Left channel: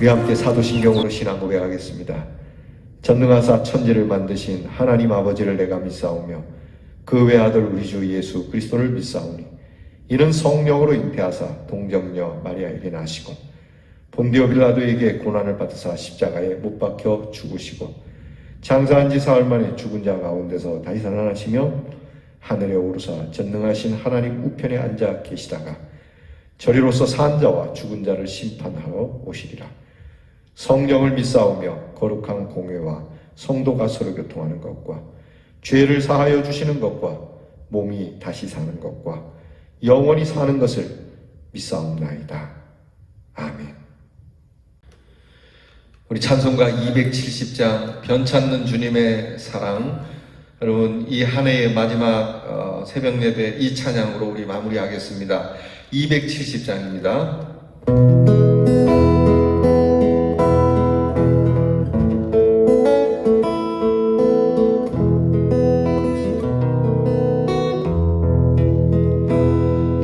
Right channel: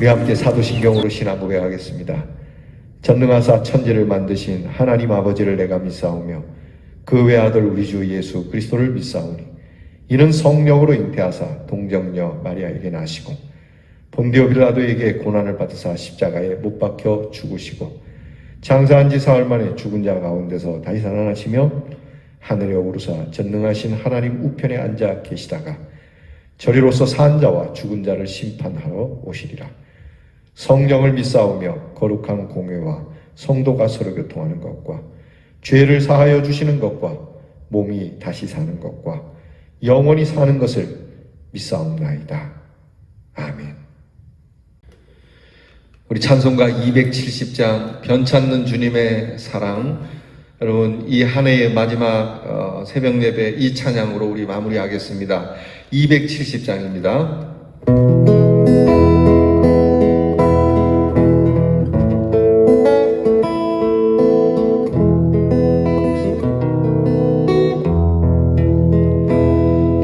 우리 함께 사도신경으로 신앙 고백하겠습니다. 전능하사 천지를 만드신 하나님 아버지를 내가 믿사오며 그 외아들 우리 주 예수 그리스도를 믿사오니 이는 성령으로 잉태하사 동정녀 마리아에게 나시고 본디오 빌라도에게 고난을 받으사 십자가에 못 박혀 죽으시고 장사한 지 사흘 만에 죽은 자 가운데서 다시 살아나시며 하늘에 오르사 전능하신 하나님 우편에 앉아 계시다가 저리로서 산 자와 죽은 자를 심판하러 오시리라. 성령을 믿사오며 거룩한 공회와 성도가 서로 교통하는 것과 죄를 사하여 주시는 것과 몸이 다시 사는 것과 영원히 사는 것을 믿사옵나이다. 아멘. 우리 찬송가 270장 변찮는 주님의 사랑, 여러분 이 한 해의 마지막 새벽 예배 이 찬양으로 우리 마무리하겠습니다. 270장입니다.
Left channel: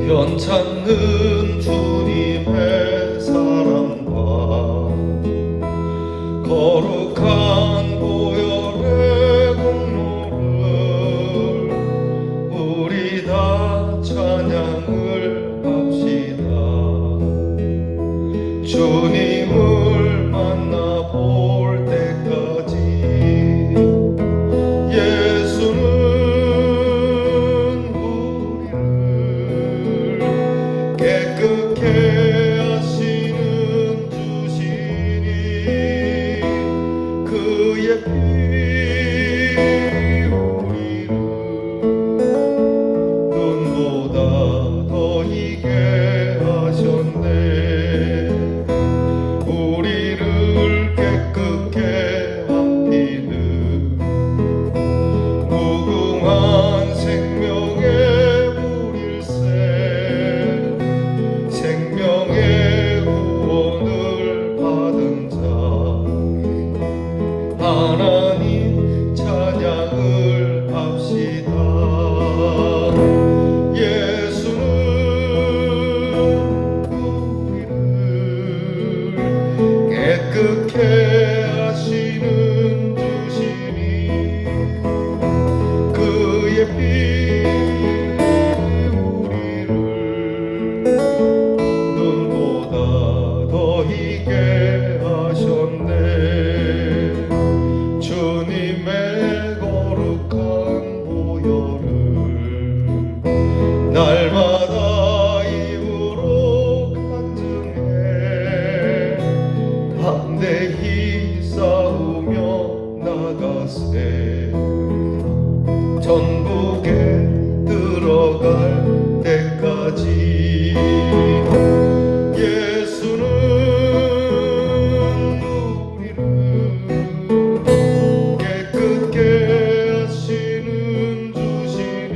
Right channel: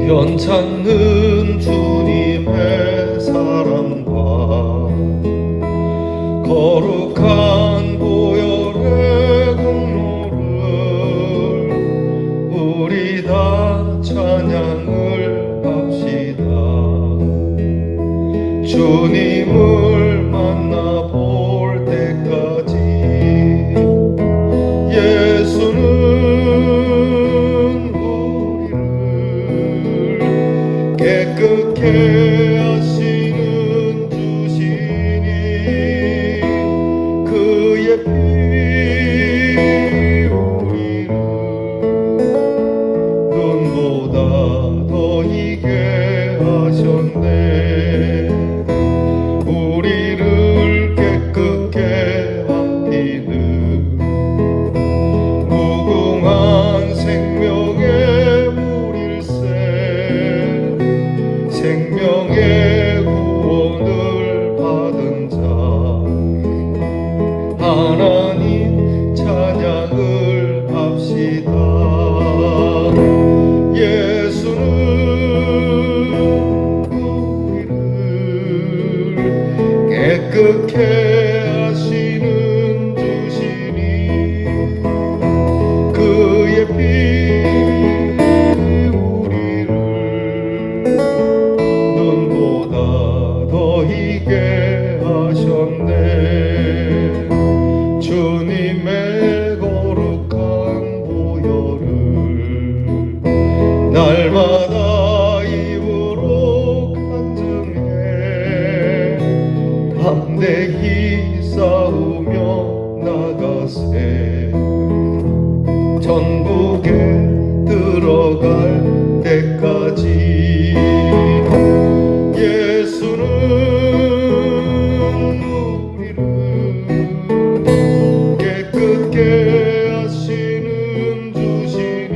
변찮는 주님의 사랑과 거룩한 보혈의 공로를 우리 다 찬양을 합시다. 주님을 만나볼 때까지 예수는 깨끗게 하시는 주시니 그의 피 우리를 눈보다 더 희게 하셨네. 우리를 깨끗게 한 피는 무궁한 생명의 물일세. 생명의 구원을 받은 자 하나님 찬양을 합시다. 예수는 우리를 깨끗게 하시는 주시니 그의 피 주님의 거룩한 보혈을 날마다 입으로 간증해 담대히 싸우며 나가세. 전국에 들어갈 때까지 예수는 깨끗게 하시는 주시니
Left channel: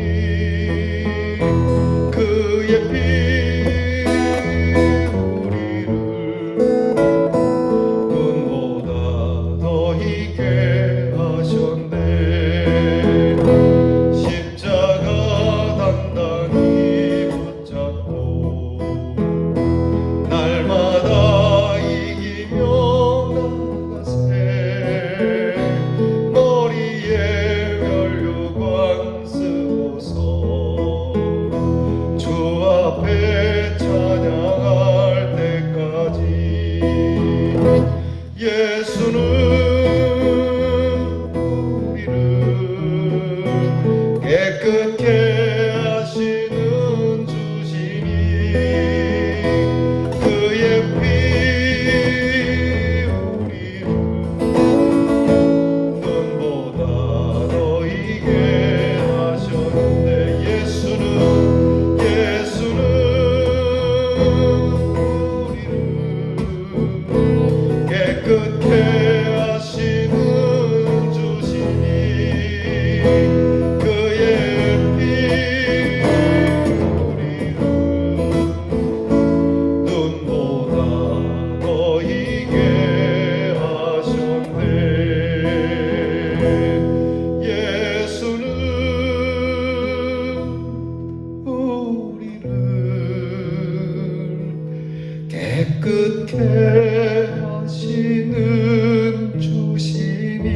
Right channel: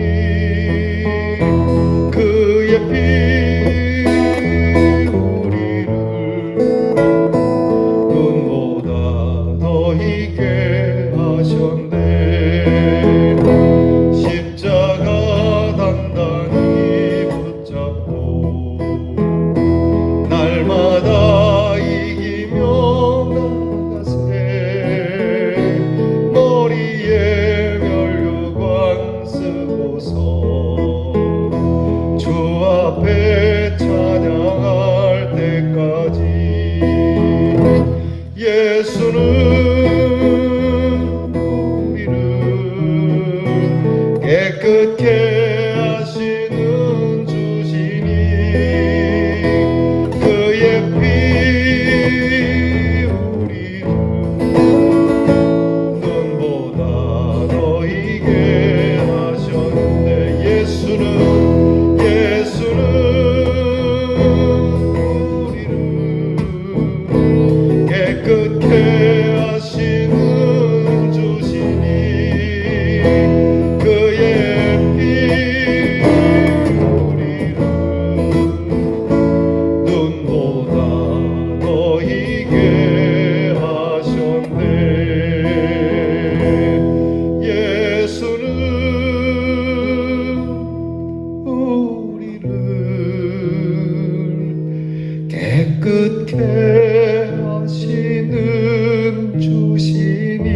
그의 피 우리를 눈보다 더 희게 하셨네. 십자가 단단히 붙잡고 날마다 이기며 나가세. 머리에 면류관 쓰고서 주 앞에 찬양할 때까지 예수는 우리를 깨끗게 하시는 주시니 그의 피 우리를 눈보다 더 희게 하셨네. 예수는 우리를 깨끗게 하시는 주시니 그의 피 우리를 눈보다 더 희게 하셨네. 예수는 우리를 깨끗게 신음 주시니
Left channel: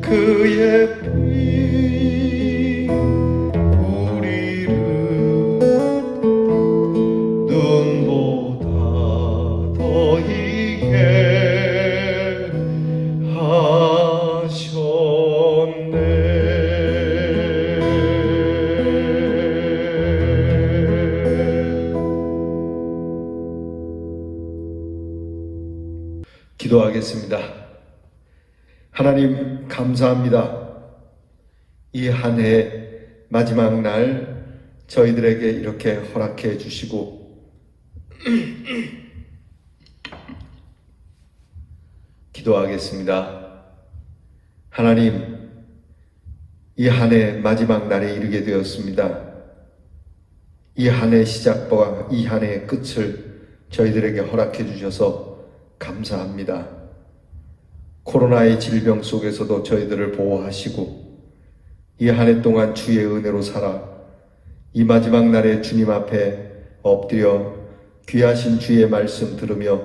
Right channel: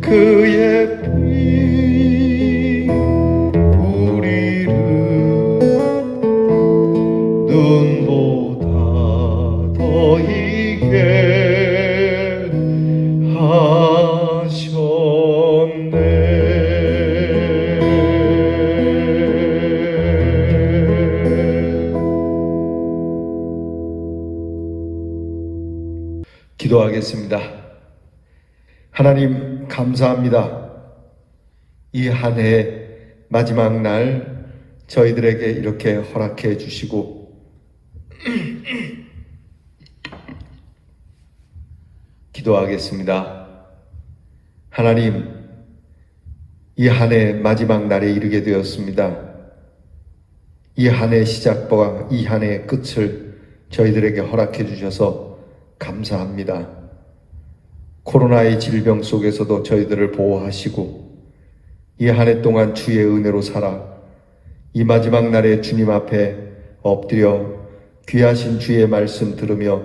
그의 피 우리를 눈보다 더 희게 기도하겠습니다. 하나님 감사합니다. 이 한 해 마지막 날 저희들에게 이렇게 허락해 주시고 기도하겠습니다. 하나님, 이 한 해 마지막 날에 이르게 되었습니다. 이 한 해 시작과 이 한 해 끝을 저희들에게 허락해 주셔서 감사합니다. 코로나의 질병 속에서도 저희들을 보호하시고 이 한 해 동안 주의 은혜로 살아 이 마지막 날에 주님 앞에 엎드려 귀하신 주의 말씀 들으며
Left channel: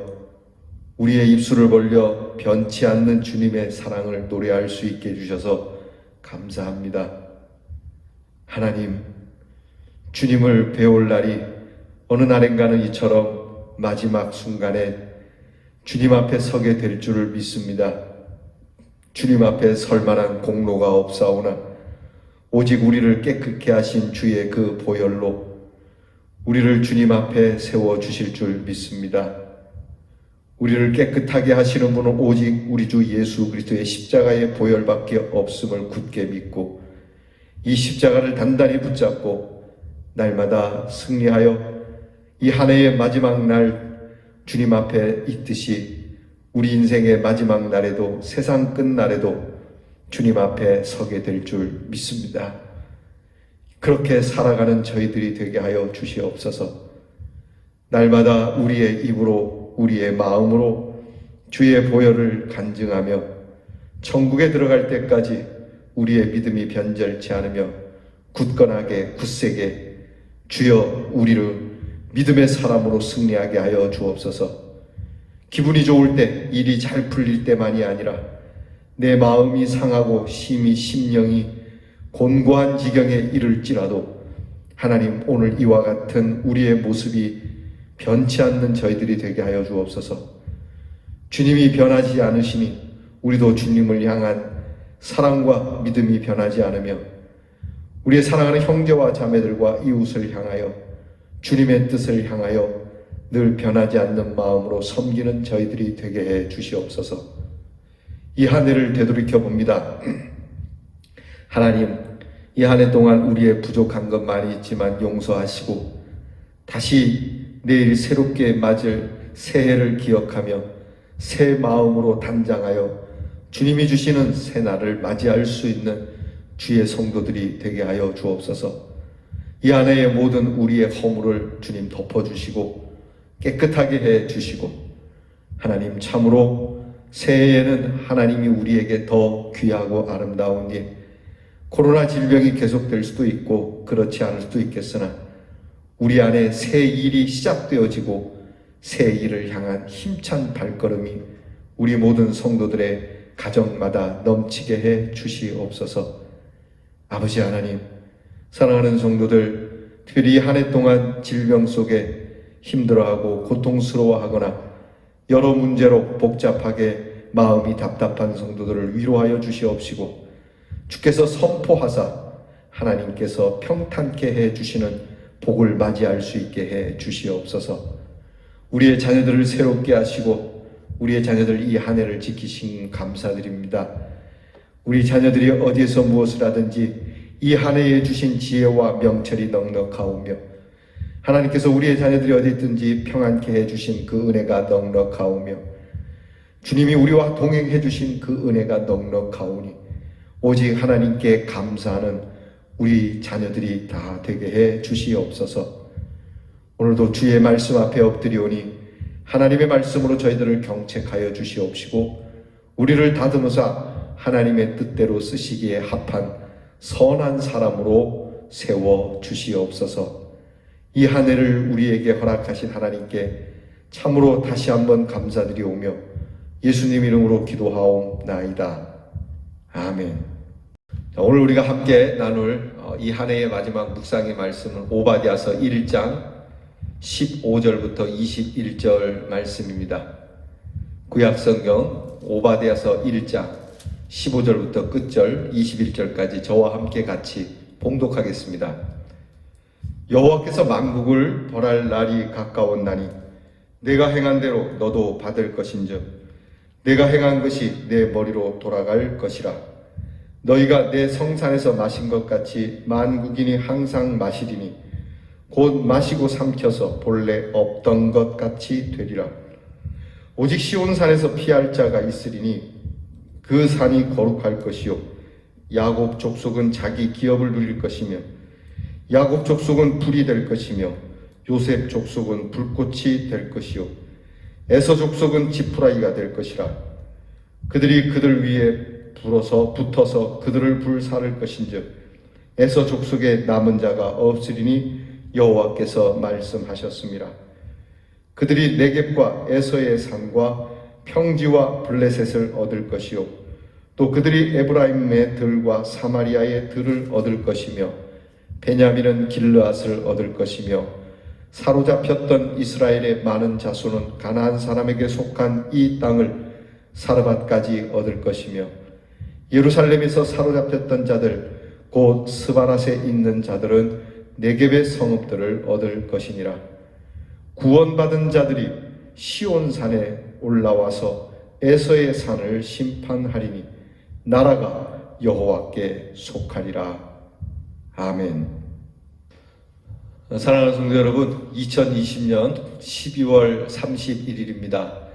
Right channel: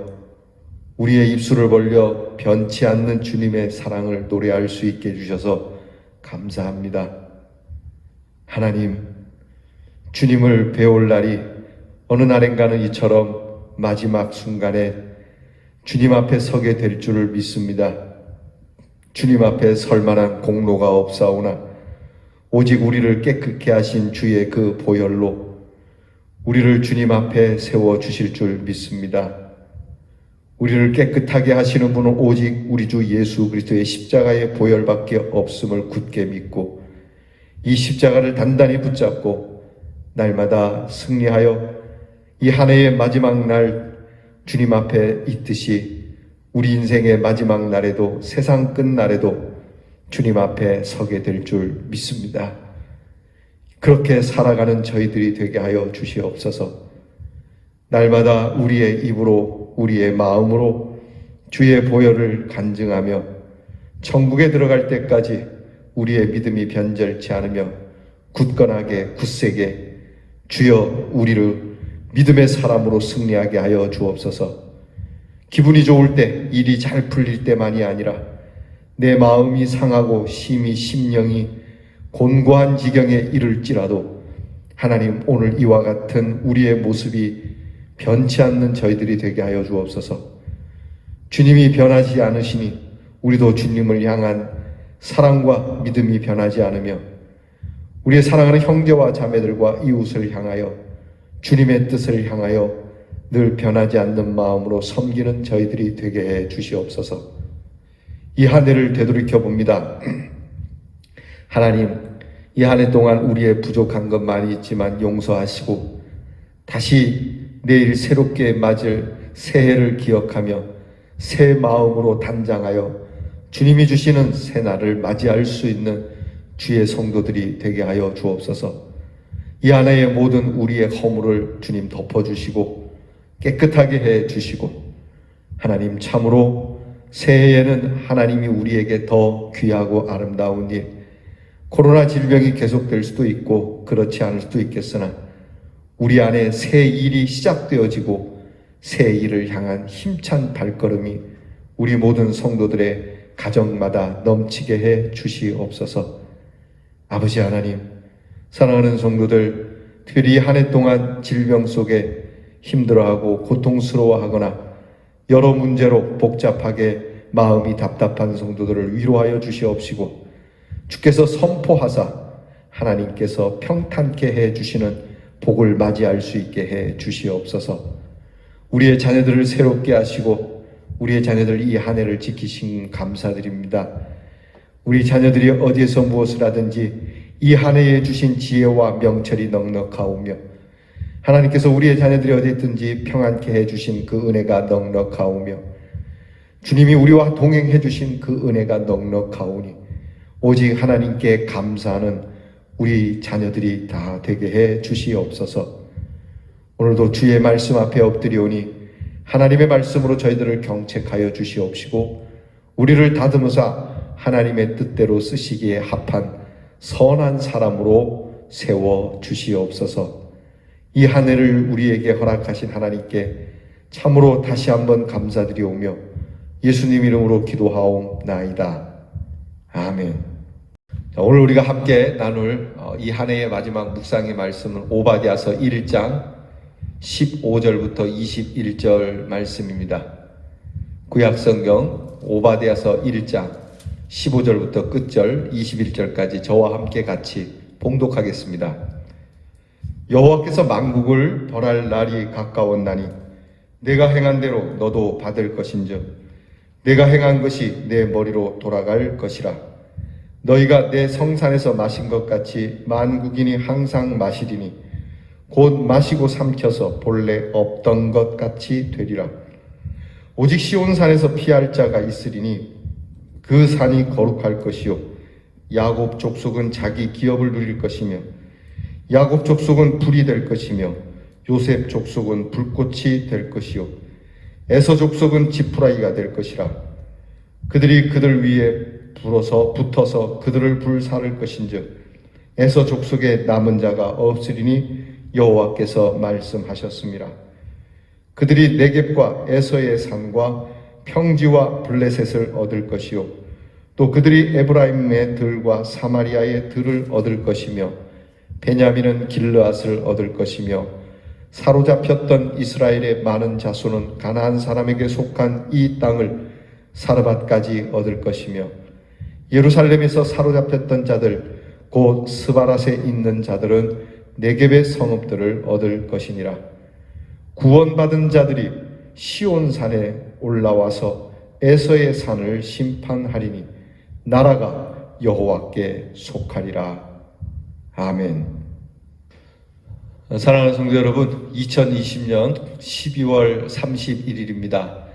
우리의 입술을 벌려 변치 않는 주님의 사랑을 노래할 수 있게 해주셔서 감사합니다. 하나님, 주님을 배울 날이 어느 날인가는 이처럼 마지막 순간에 주님 앞에 서게 될 줄을 믿습니다. 주님 앞에 설 만한 공로가 없사오나 오직 우리를 깨끗게 하신 주의 그 보혈로 우리를 주님 앞에 세워주실 줄 믿습니다. 우리를 깨끗하게 하시는 분은 오직 우리 주 예수 그리스도의 십자가의 보혈밖에 없음을 굳게 믿고 이 십자가를 단단히 붙잡고 날마다 승리하여 이 한 해의 마지막 날 주님 앞에 있듯이 우리 인생의 마지막 날에도 세상 끝날에도 주님 앞에 서게 될 줄 믿습니다. 그렇게 살아가는 저희들이 되게 하여 주시옵소서. 날마다 우리의 입으로 우리의 마음으로 주의 보혈을 간증하며 천국에 들어갈 때까지 우리의 믿음이 변절치 않으며 굳건하게 굳세게 주여 우리를 믿음의 사람으로 승리하게 하여 주옵소서. 기분이 좋을 때, 일이 잘 풀릴 때만이 아니라 내 마음이 상하고 심히 심령이 곤고한 지경에 이를지라도 하나님, 오늘 이와 같은 우리의 모습이 변치 않는 저희들이 되게 하여 주옵소서. 주님이 변하지 않으시니 우리도 주님을 향한 사랑과 믿음이 변하지 않으며 우리의 사랑하는 형제와 자매들과 이웃을 향하여 주님의 뜻을 향하여 늘 변하지 않는 마음으로 섬기는 저희들이 되게 해 주시옵소서. 이 한 해를 되돌이켜 봅니다. 하나님, 이 한 해 동안 우리의 부족한 것 많이 있지만 용서하시고 다시 내일 새롭게 맞을 새해를 기억하며 새 마음으로 단장하여 주님이 주시는 새날을 맞이할 수 있는 주의 성도들이 되게 하여 주옵소서. 이 한 해의 모든 우리의 허물을 주님 덮어주시고 깨끗하게 해 주시고 하나님, 참으로 새해에는 하나님이 우리에게 더 귀하고 아름다운 일, 코로나 질병이 계속될 수도 있고 그렇지 않을 수도 있겠으나 우리 안에 새 일이 시작되어지고 새 일을 향한 힘찬 발걸음이 우리 모든 성도들의 가정마다 넘치게 해 주시옵소서. 아버지 하나님, 사랑하는 성도들, 특별히 한 해 동안 질병 속에 힘들어하고 고통스러워하거나 여러 문제로 복잡하게 마음이 답답한 성도들을 위로하여 주시옵시고 주께서 선포하사 하나님께서 평탄케 해 주시는 복을 맞이할 수 있게 해 주시옵소서. 우리의 자녀들을 새롭게 하시고 우리의 자녀들 이 한 해를 지키신 감사드립니다. 우리 자녀들이 어디에서 무엇을 하든지 이 한 해에 주신 지혜와 명철이 넉넉하오며 하나님께서 우리의 자녀들이 어디 있든지 평안케 해주신 그 은혜가 넉넉하오며 주님이 우리와 동행해 주신 그 은혜가 넉넉하오니 오직 하나님께 감사하는 우리 자녀들이 다 되게 해 주시옵소서. 오늘도 주의 말씀 앞에 엎드리오니 하나님의 말씀으로 저희들을 경책하여 주시옵시고 우리를 다듬어서 하나님의 뜻대로 쓰시기에 합한 선한 사람으로 세워 주시옵소서. 이 한 해를 우리에게 허락하신 하나님께 참으로 다시 한번 감사드리오며 예수님 이름으로 기도하옵나이다. 아멘. 자, 오늘 우리가 함께 나눌 이 한 해의 마지막 묵상의 말씀은 오바댜서 1장 15절부터 21절 말씀입니다. 구약성경 오바댜서 1장 15절부터 끝절 21절까지 저와 함께 같이 봉독하겠습니다. 여호와께서 만국을 벌할 날이 가까웠나니 내가 행한 대로 너도 받을 것인즉 내가 행한 것이 내 머리로 돌아갈 것이라. 너희가 내 성산에서 마신 것 같이 만국인이 항상 마시리니 곧 마시고 삼켜서 본래 없던 것 같이 되리라. 오직 시온산에서 피할 자가 있으리니 그 산이 거룩할 것이요 야곱 족속은 자기 기업을 누릴 것이며 야곱 족속은 불이 될 것이며 요셉 족속은 불꽃이 될 것이요 에서 족속은 지푸라기가 될 것이라. 그들이 그들 위에 붙어서 그들을 불사를 것인즉 에서 족속에 남은 자가 없으리니 여호와께서 말씀하셨습니다. 그들이 네겝과 에서의 산과 평지와 블레셋을 얻을 것이요 또 그들이 에브라임의 들과 사마리아의 들을 얻을 것이며 베냐민은 길르앗을 얻을 것이며 사로잡혔던 이스라엘의 많은 자손은 가나안 사람에게 속한 이 땅을 사르밧까지 얻을 것이며 예루살렘에서 사로잡혔던 자들 곧 스바랏에 있는 자들은 네겝의 성읍들을 얻을 것이니라. 구원받은 자들이 시온산에 올라와서 에서의 산을 심판하리니 나라가 여호와께 속하리라. 아멘. 사랑하는 성도 여러분, 2020년 12월 31일입니다.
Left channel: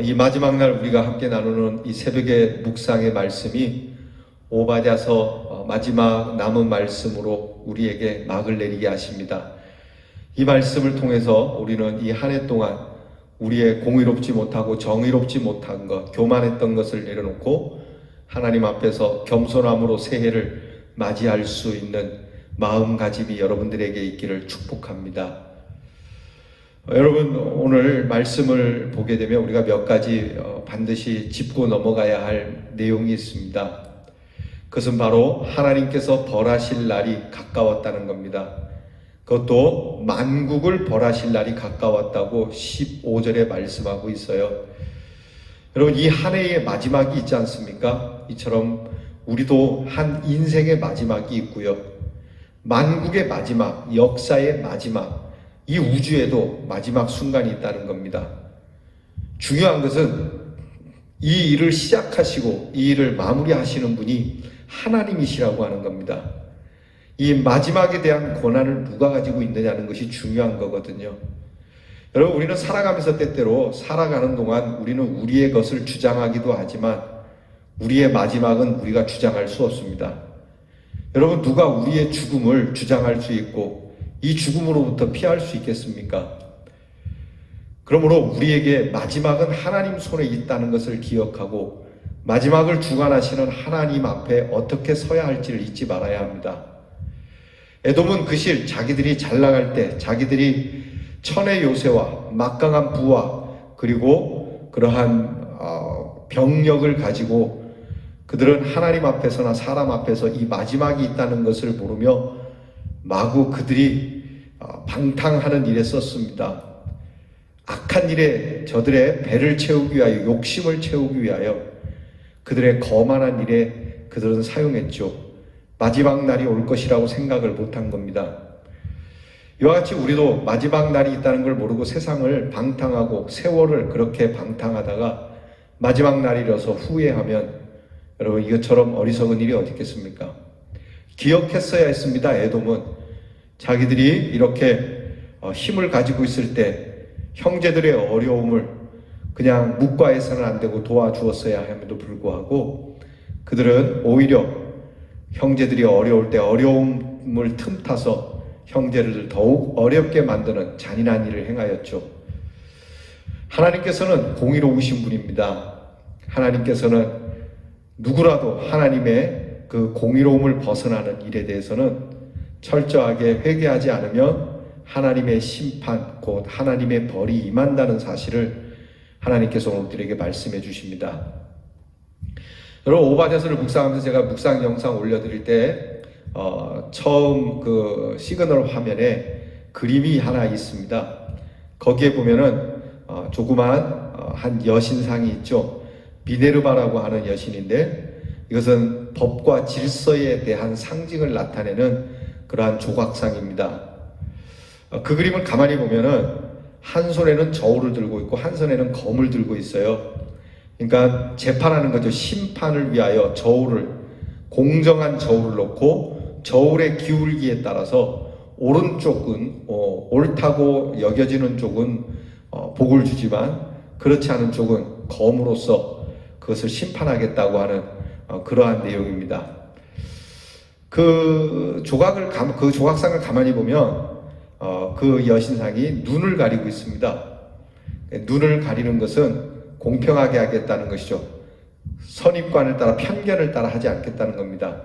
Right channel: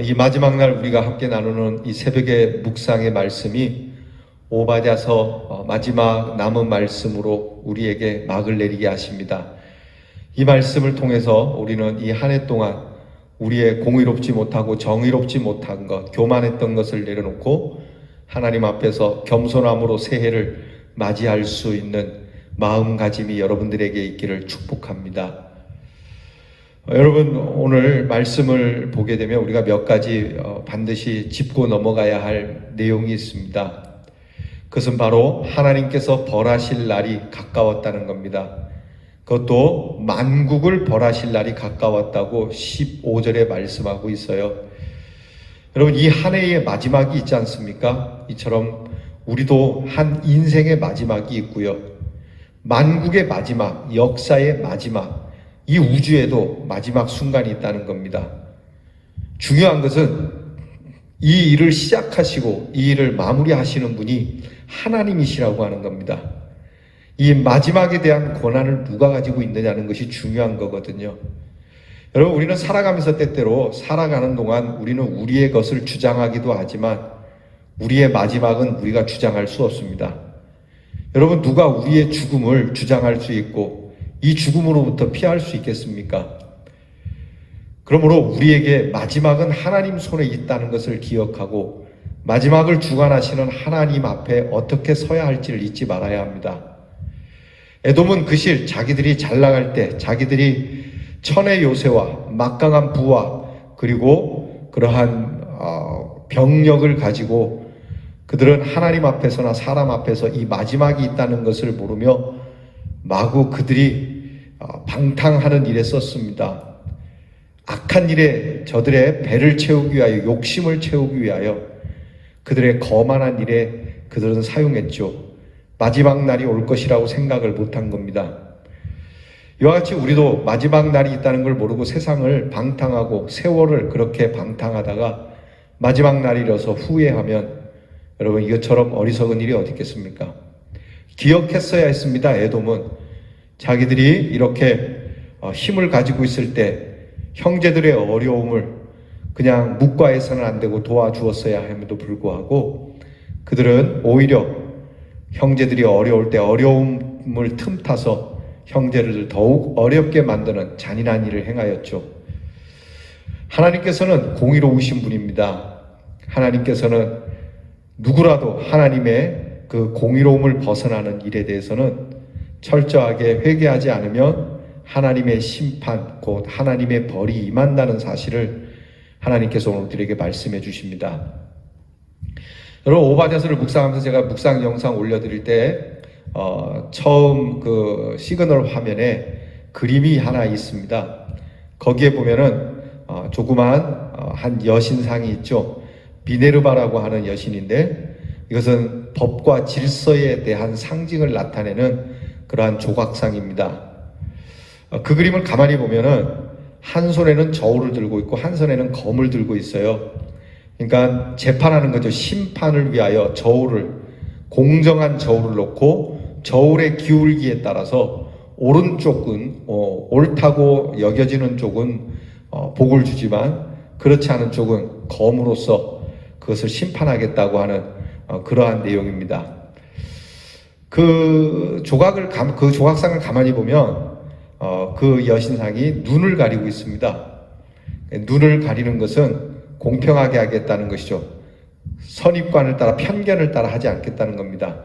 이 마지막 날 우리가 함께 나누는 이 새벽의 묵상의 말씀이 오바댜서 마지막 남은 말씀으로 우리에게 막을 내리게 하십니다. 이 말씀을 통해서 우리는 이 한 해 동안 우리의 공의롭지 못하고 정의롭지 못한 것, 교만했던 것을 내려놓고 하나님 앞에서 겸손함으로 새해를 맞이할 수 있는 마음가짐이 여러분들에게 있기를 축복합니다. 여러분, 오늘 말씀을 보게 되면 우리가 몇 가지 반드시 짚고 넘어가야 할 내용이 있습니다. 그것은 바로 하나님께서 벌하실 날이 가까웠다는 겁니다. 그것도 만국을 벌하실 날이 가까웠다고 15절에 말씀하고 있어요. 여러분, 이 한 해의 마지막이 있지 않습니까? 이처럼 우리도 한 인생의 마지막이 있고요. 만국의 마지막, 역사의 마지막, 이 우주에도 마지막 순간이 있다는 겁니다. 중요한 것은 이 일을 시작하시고 이 일을 마무리하시는 분이 하나님이시라고 하는 겁니다. 이 마지막에 대한 권한을 누가 가지고 있느냐는 것이 중요한 거거든요. 여러분, 우리는 살아가면서 때때로 살아가는 동안 우리는 우리의 것을 주장하기도 하지만 우리의 마지막은 우리가 주장할 수 없습니다. 여러분, 누가 우리의 죽음을 주장할 수 있고 이 죽음으로부터 피할 수 있겠습니까? 그러므로 우리에게 마지막은 하나님 손에 있다는 것을 기억하고 마지막을 주관하시는 하나님 앞에 어떻게 서야 할지를 잊지 말아야 합니다. 에돔은 그 실 자기들이 잘 나갈 때 자기들이 천의 요새와 막강한 부와 그리고 그러한 병력을 가지고 그들은 하나님 앞에서나 사람 앞에서 이 마지막이 있다는 것을 모르며 마구 그들이 방탕하는 일에 썼습니다. 악한 일에 저들의 배를 채우기 위하여, 욕심을 채우기 위하여 그들의 거만한 일에 그들은 사용했죠. 마지막 날이 올 것이라고 생각을 못한 겁니다. 이와 같이 우리도 마지막 날이 있다는 걸 모르고 세상을 방탕하고 세월을 그렇게 방탕하다가 마지막 날이 이뤄서 후회하면 여러분, 이것처럼 어리석은 일이 어디 있겠습니까? 기억했어야 했습니다. 에돔은 자기들이 이렇게 힘을 가지고 있을 때 형제들의 어려움을 그냥 묵과해서는 안 되고 도와주었어야 함에도 불구하고 그들은 오히려 형제들이 어려울 때 어려움을 틈타서 형제를 더욱 어렵게 만드는 잔인한 일을 행하였죠. 하나님께서는 공의로우신 분입니다. 하나님께서는 누구라도 하나님의 그 공의로움을 벗어나는 일에 대해서는 철저하게 회개하지 않으면 하나님의 심판, 곧 하나님의 벌이 임한다는 사실을 하나님께서 오늘 우리에게 말씀해 주십니다. 여러분, 오바댜서를 묵상하면서 제가 묵상 영상 올려드릴 때 처음 그 시그널 화면에 그림이 하나 있습니다. 거기에 보면은 조그만 한 여신상이 있죠. 미네르바라고 하는 여신인데, 이것은 법과 질서에 대한 상징을 나타내는 그러한 조각상입니다. 그 그림을 가만히 보면은 한 손에는 저울을 들고 있고 한 손에는 검을 들고 있어요. 그러니까 재판하는 거죠. 심판을 위하여 저울을, 공정한 저울을 놓고 저울의 기울기에 따라서 오른쪽은 옳다고 여겨지는 쪽은 복을 주지만 그렇지 않은 쪽은 검으로서 그것을 심판하겠다고 하는 그러한 내용입니다. 그 조각상을 가만히 보면 그 여신상이 눈을 가리고 있습니다. 눈을 가리는 것은 공평하게 하겠다는 것이죠. 선입관을 따라, 편견을 따라 하지 않겠다는 겁니다.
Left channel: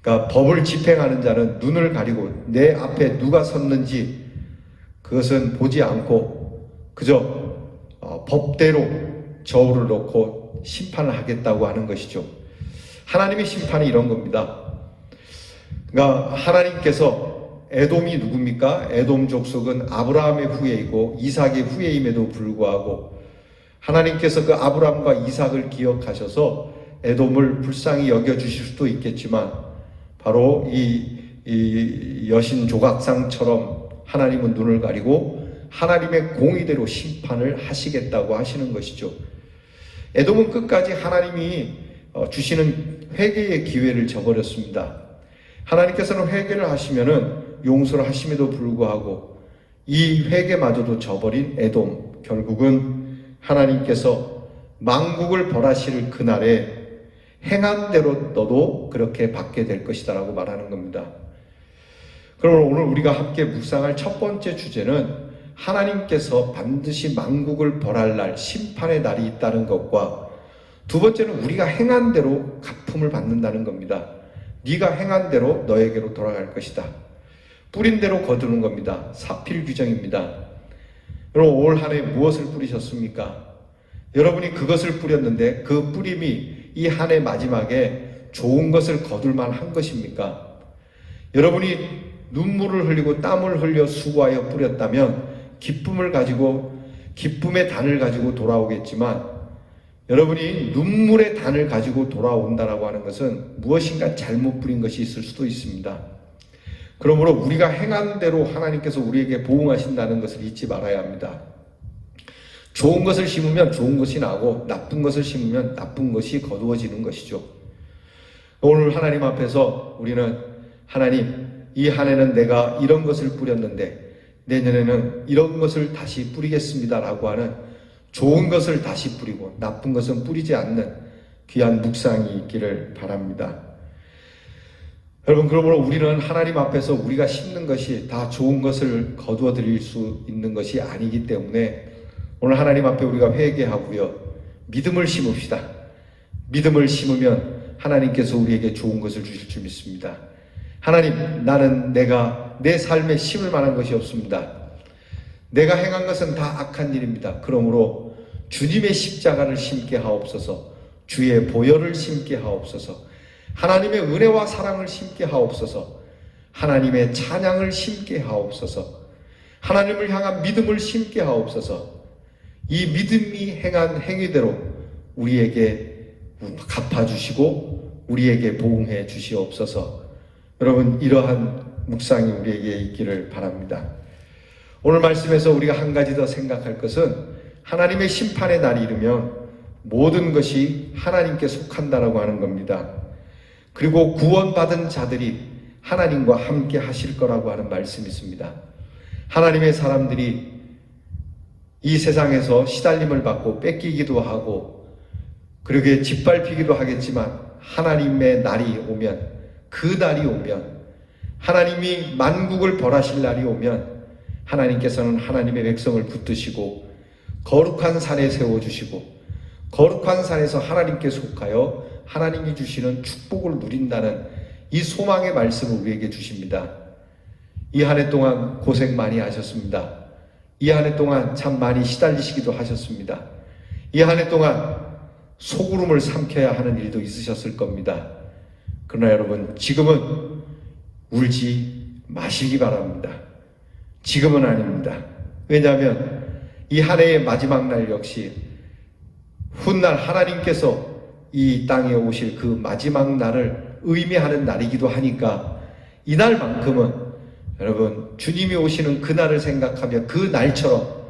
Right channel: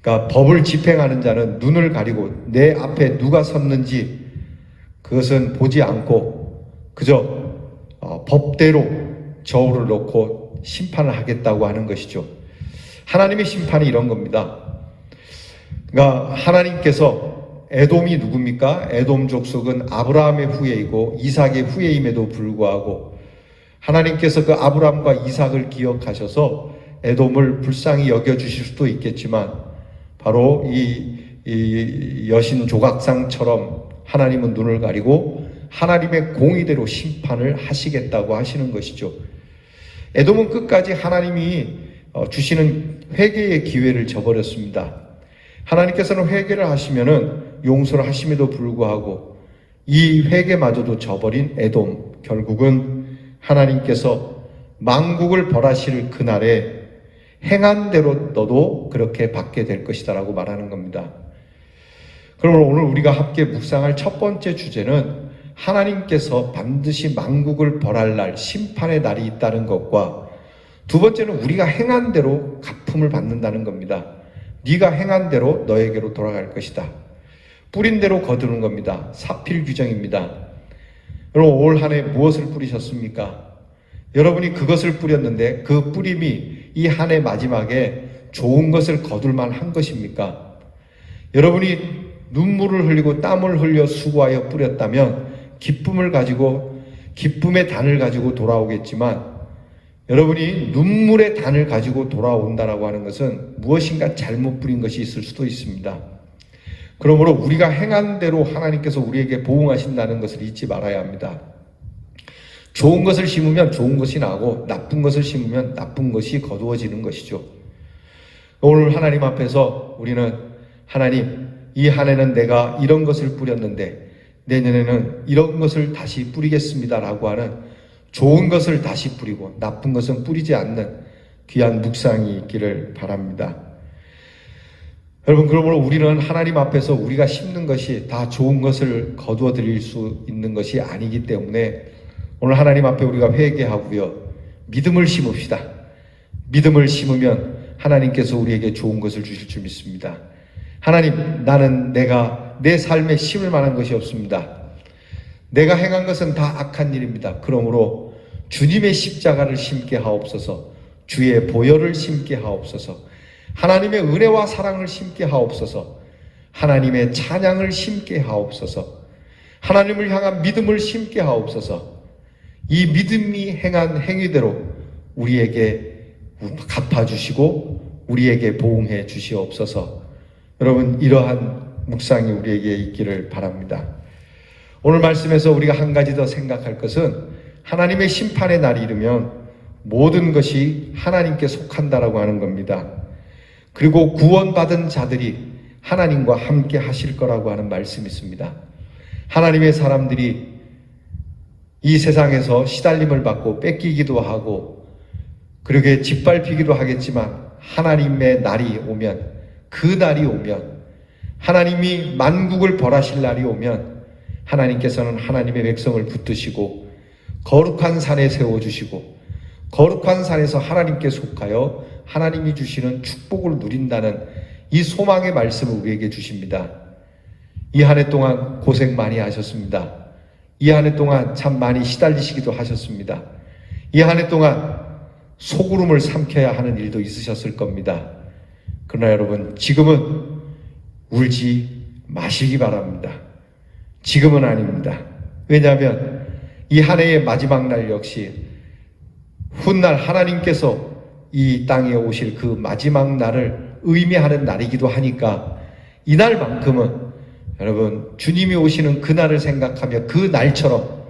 그러니까 법을 집행하는 자는 눈을 가리고 내 앞에 누가 섰는지 그것은 보지 않고 그저 법대로 저울을 놓고 심판을 하겠다고 하는 것이죠. 하나님의 심판이 이런 겁니다. 그러니까 하나님께서, 에돔이 누굽니까? 에돔 족속은 아브라함의 후예이고 이삭의 후예임에도 불구하고 하나님께서 그 아브라함과 이삭을 기억하셔서 에돔을 불쌍히 여겨주실 수도 있겠지만 바로 이 여신 조각상처럼 하나님은 눈을 가리고 하나님의 공의대로 심판을 하시겠다고 하시는 것이죠. 에돔은 끝까지 하나님이 주시는 회개의 기회를 저버렸습니다. 하나님께서는 회개를 하시면은 용서를 하심에도 불구하고 이 회개마저도 저버린 에돔, 결국은 하나님께서 만국을 벌하실 그날에 행한 대로 너도 그렇게 받게 될 것이다 라고 말하는 겁니다. 그러면 오늘 우리가 함께 묵상할 첫 번째 주제는 하나님께서 반드시 만국을 벌할 날, 심판의 날이 있다는 것과 두 번째는 우리가 행한 대로 갚음을 받는다는 겁니다. 네가 행한 대로 너에게로 돌아갈 것이다. 뿌린 대로 거두는 겁니다. 사필 규정입니다. 여러분, 올 한 해 무엇을 뿌리셨습니까? 여러분이 그것을 뿌렸는데 그 뿌림이 이 한 해 마지막에 좋은 것을 거둘만 한 것입니까? 여러분이 눈물을 흘리고 땀을 흘려 수고하여 뿌렸다면 기쁨을 가지고, 기쁨의 단을 가지고 돌아오겠지만 여러분이 눈물의 단을 가지고 돌아온다라고 하는 것은 무엇인가 잘못 뿌린 것이 있을 수도 있습니다. 그러므로 우리가 행한 대로 하나님께서 우리에게 보응하신다는 것을 잊지 말아야 합니다. 좋은 것을 심으면 좋은 것이 나고 나쁜 것을 심으면 나쁜 것이 거두어지는 것이죠. 오늘 하나님 앞에서 우리는 하나님, 이 한 해는 내가 이런 것을 뿌렸는데 내년에는 이런 것을 다시 뿌리겠습니다 라고 하는 좋은 것을 다시 뿌리고 나쁜 것은 뿌리지 않는 귀한 묵상이 있기를 바랍니다. 여러분, 그러므로 우리는 하나님 앞에서 우리가 심는 것이 다 좋은 것을 거두어 드릴 수 있는 것이 아니기 때문에 오늘 하나님 앞에 우리가 회개하고요, 믿음을 심읍시다. 믿음을 심으면 하나님께서 우리에게 좋은 것을 주실 줄 믿습니다. 하나님, 나는 내가 내 삶에 심을 만한 것이 없습니다. 내가 행한 것은 다 악한 일입니다. 그러므로 주님의 십자가를 심게 하옵소서, 주의 보혈을 심게 하옵소서, 하나님의 은혜와 사랑을 심게 하옵소서, 하나님의 찬양을 심게 하옵소서, 하나님을 향한 믿음을 심게 하옵소서. 이 믿음이 행한 행위대로 우리에게 갚아주시고 우리에게 보응해 주시옵소서. 여러분, 이러한 묵상이 우리에게 있기를 바랍니다. 오늘 말씀에서 우리가 한 가지 더 생각할 것은 하나님의 심판의 날이 이르면 모든 것이 하나님께 속한다라고 하는 겁니다. 그리고 구원받은 자들이 하나님과 함께 하실 거라고 하는 말씀이 있습니다. 하나님의 사람들이 이 세상에서 시달림을 받고 뺏기기도 하고 그렇게 짓밟히기도 하겠지만 하나님의 날이 오면, 그 날이 오면, 하나님이 만국을 벌하실 날이 오면 하나님께서는 하나님의 백성을 붙드시고 거룩한 산에 세워주시고 거룩한 산에서 하나님께 속하여 하나님이 주시는 축복을 누린다는 이 소망의 말씀을 우리에게 주십니다. 이 한 해 동안 고생 많이 하셨습니다. 이 한 해 동안 참 많이 시달리시기도 하셨습니다. 이 한 해 동안 소구름을 삼켜야 하는 일도 있으셨을 겁니다. 그러나 여러분, 지금은 울지 마시기 바랍니다. 지금은 아닙니다. 왜냐하면 이 한 해의 마지막 날 역시 훗날 하나님께서 이 땅에 오실 그 마지막 날을 의미하는 날이기도 하니까 이날만큼은 여러분, 주님이 오시는 그날을 생각하며 그 날처럼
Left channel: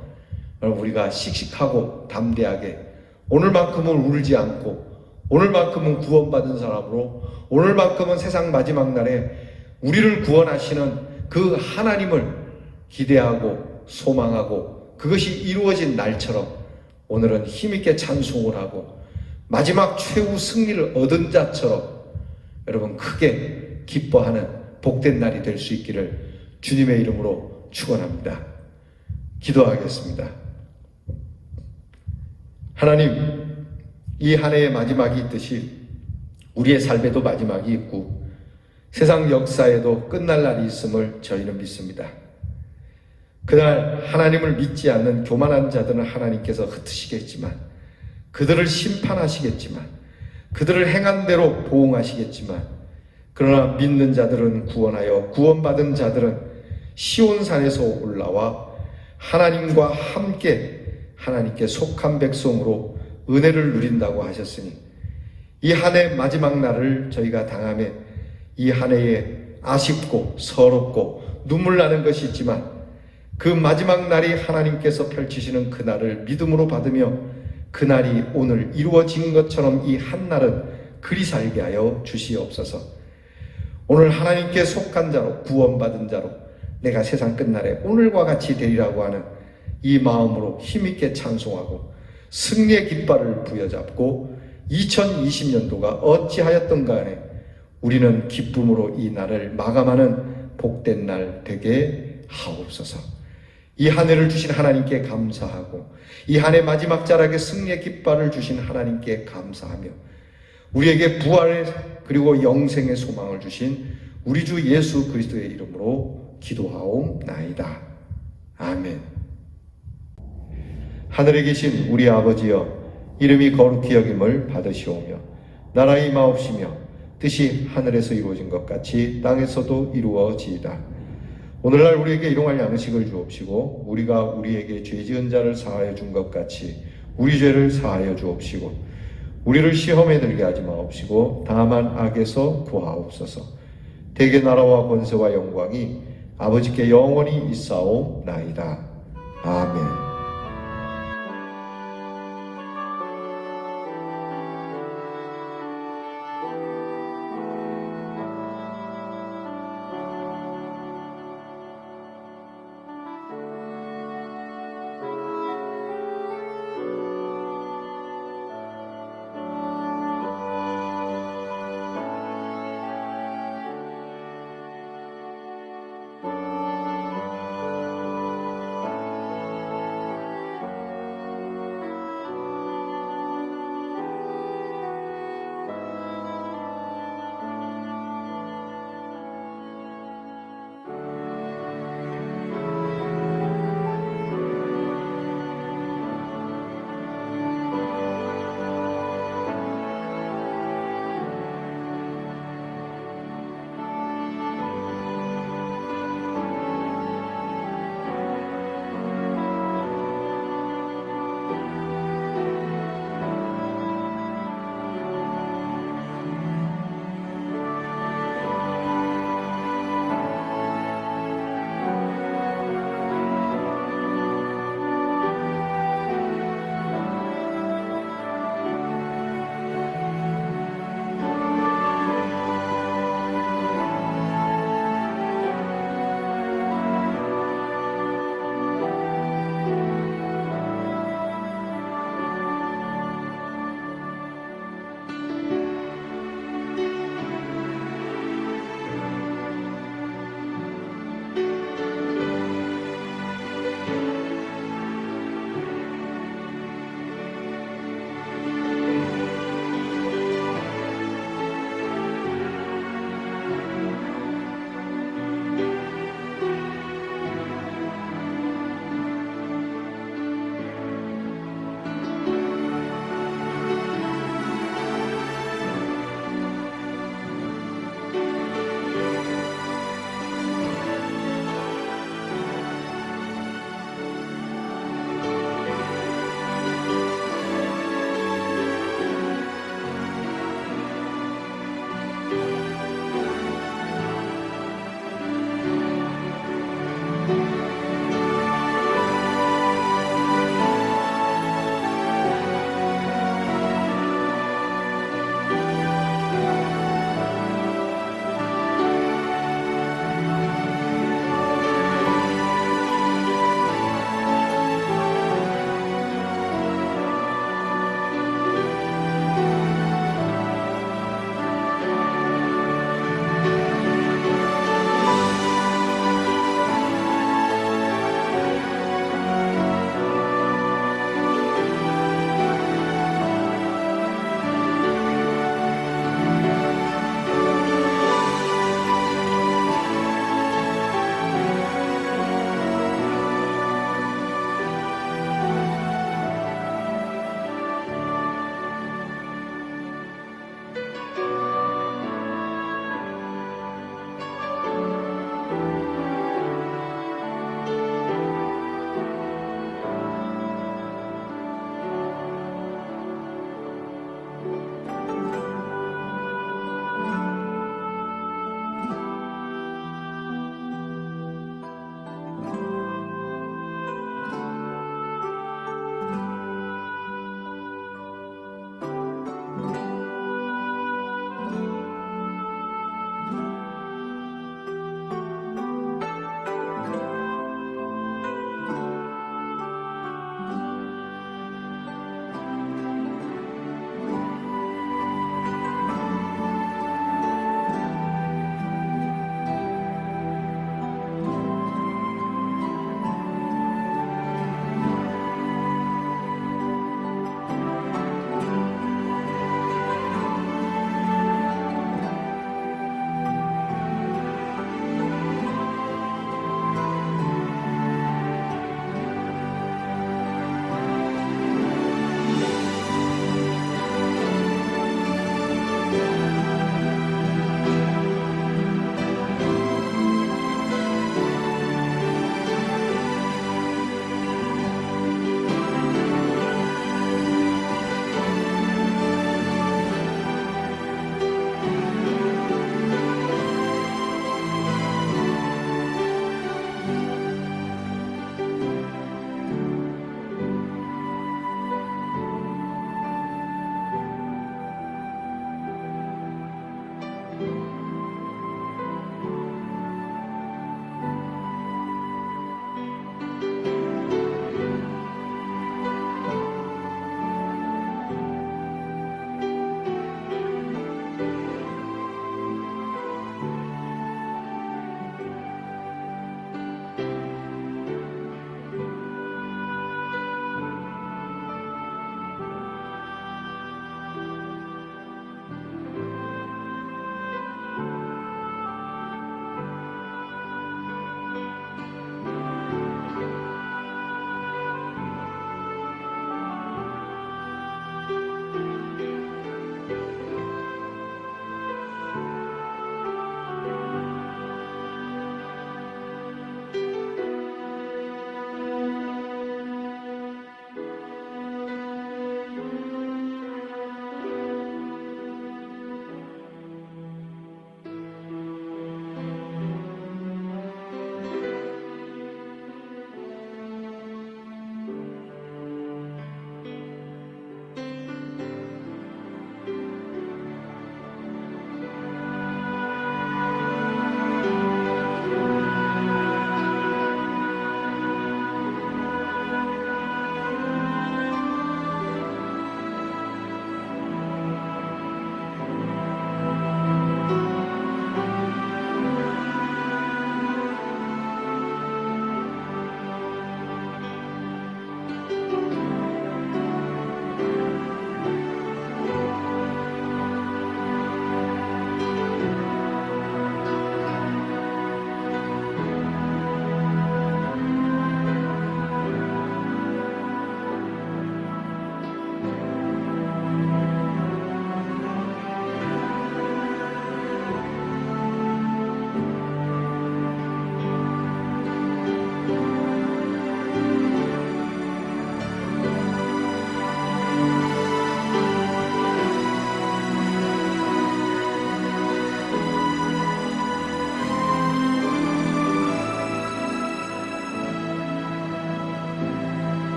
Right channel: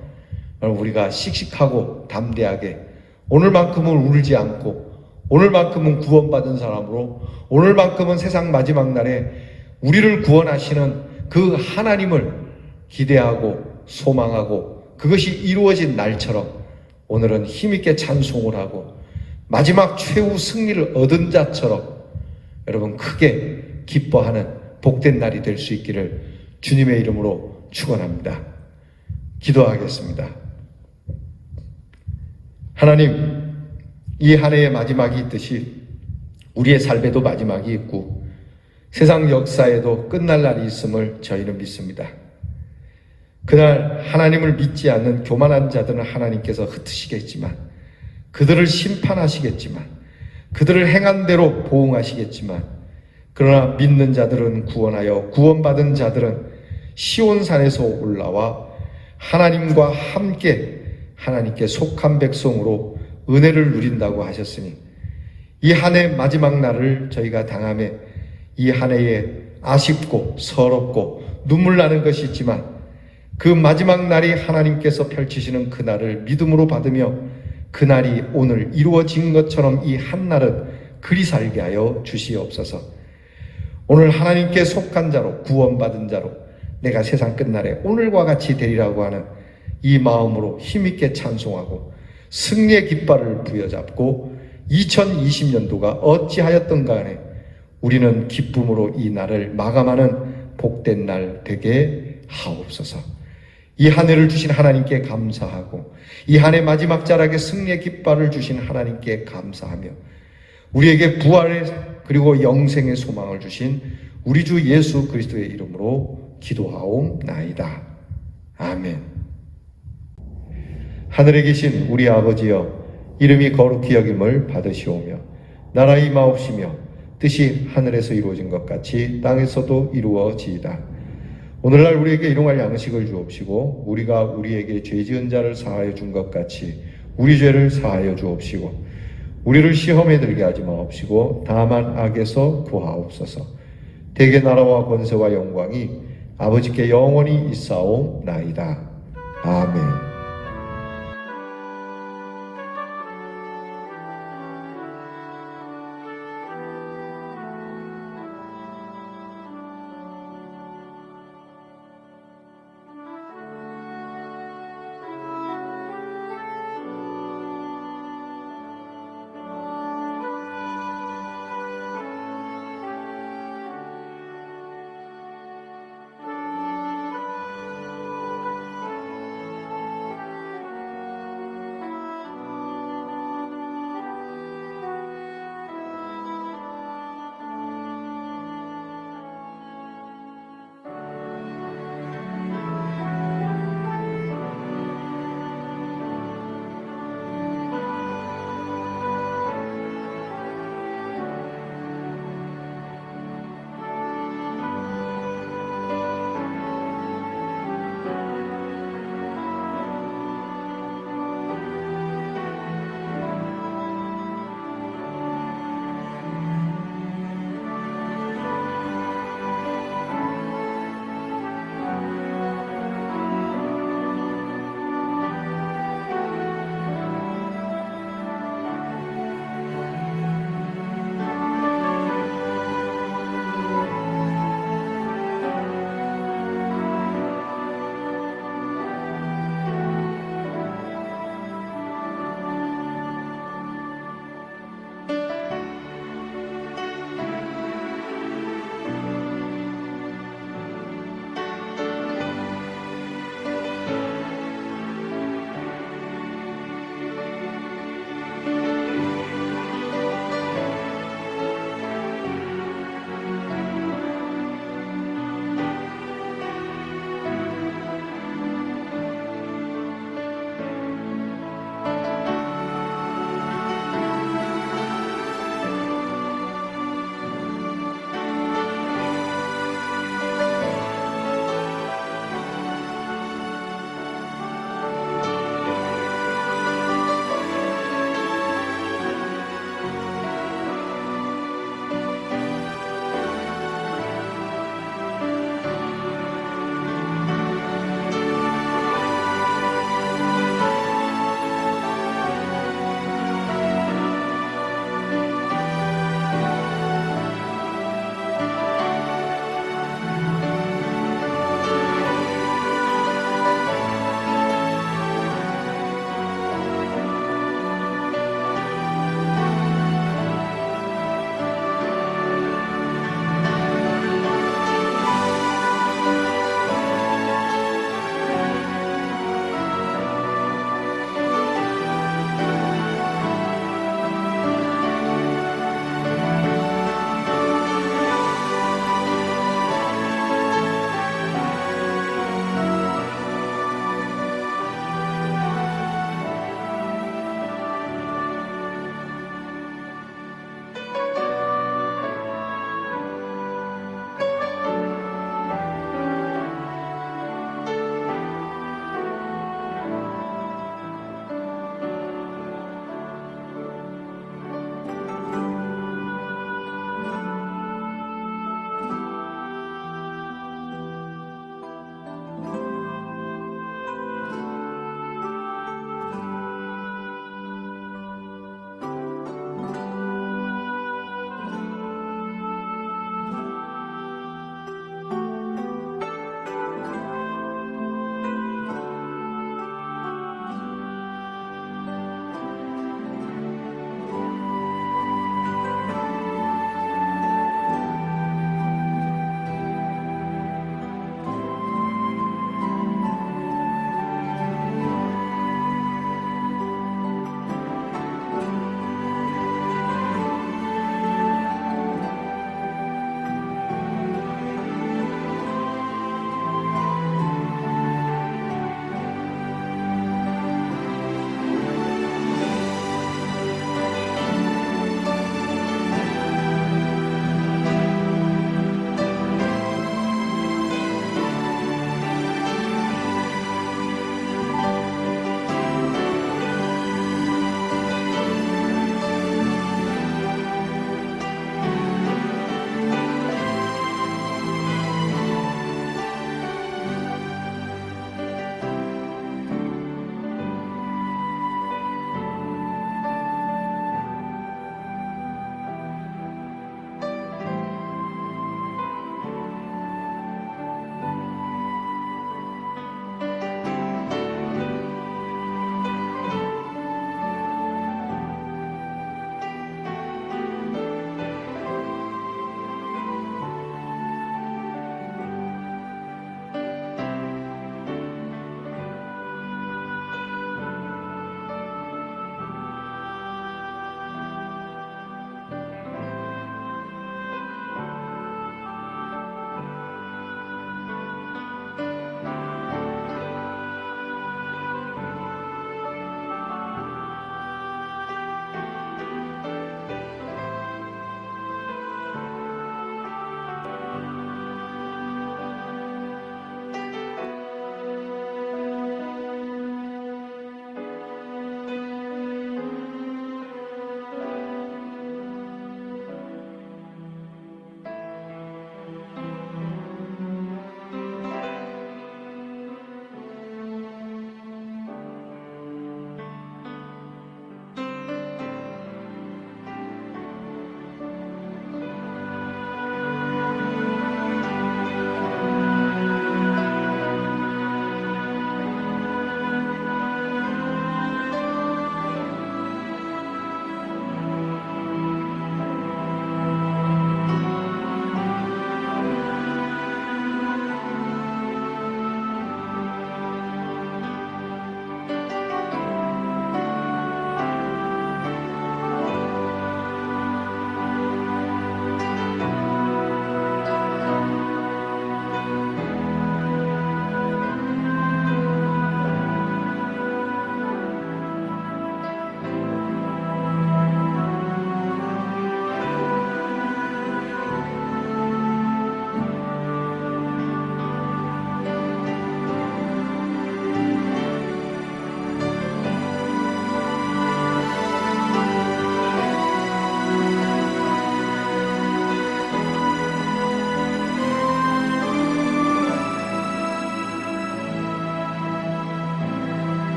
우리가 씩씩하고 담대하게 오늘만큼은 울지 않고 오늘만큼은 구원받은 사람으로 오늘만큼은 세상 마지막 날에 우리를 구원하시는 그 하나님을 기대하고 소망하고 그것이 이루어진 날처럼 오늘은 힘있게 찬송을 하고 마지막 최후 승리를 얻은 자처럼 여러분 크게 기뻐하는 복된 날이 될 수 있기를 주님의 이름으로 축원합니다. 기도하겠습니다. 하나님, 이 한 해의 마지막이 있듯이 우리의 삶에도 마지막이 있고 세상 역사에도 끝날 날이 있음을 저희는 믿습니다. 그날 하나님을 믿지 않는 교만한 자들은 하나님께서 흩으시겠지만 그들을 심판하시겠지만 그들을 행한 대로 보응하시겠지만 그러나 믿는 자들은 구원하여 구원받은 자들은 시온산에서 올라와 하나님과 함께 하나님께 속한 백성으로 은혜를 누린다고 하셨으니 이 한 해 마지막 날을 저희가 당함에 이 한 해에 아쉽고 서럽고 눈물 나는 것이 있지만 그 마지막 날이 하나님께서 펼치시는 그 날을 믿음으로 받으며 그 날이 오늘 이루어진 것처럼 이 한 날은 그리 살게 하여 주시옵소서. 오늘 하나님께 속한 자로 구원받은 자로 내가 세상 끝날에 오늘과 같이 되리라고 하는 이 마음으로 힘있게 찬송하고 승리의 깃발을 부여잡고 2020년도가 어찌하였던 간에 우리는 기쁨으로 이 날을 마감하는 복된 날 되게 하옵소서. 이 한 해를 주신 하나님께 감사하고 이 한 해 마지막 자락에 승리의 깃발을 주신 하나님께 감사하며 우리에게 부활의 그리고 영생의 소망을 주신 우리 주 예수 그리스도의 이름으로 기도하옵나이다. 아멘. 하늘에 계신 우리 아버지여, 이름이 거룩히 여김을 받으시오며 나라의 임하옵시며 뜻이 하늘에서 이루어진 것 같이 땅에서도 이루어지이다. 오늘날 우리에게 일용할 양식을 주옵시고 우리가 우리에게 죄 지은 자를 사하여 준 것 같이 우리 죄를 사하여 주옵시고 우리를 시험에 들게 하지 마옵시고 다만 악에서 구하옵소서. 대개 나라와 권세와 영광이 아버지께 영원히 있사옵나이다. 아멘.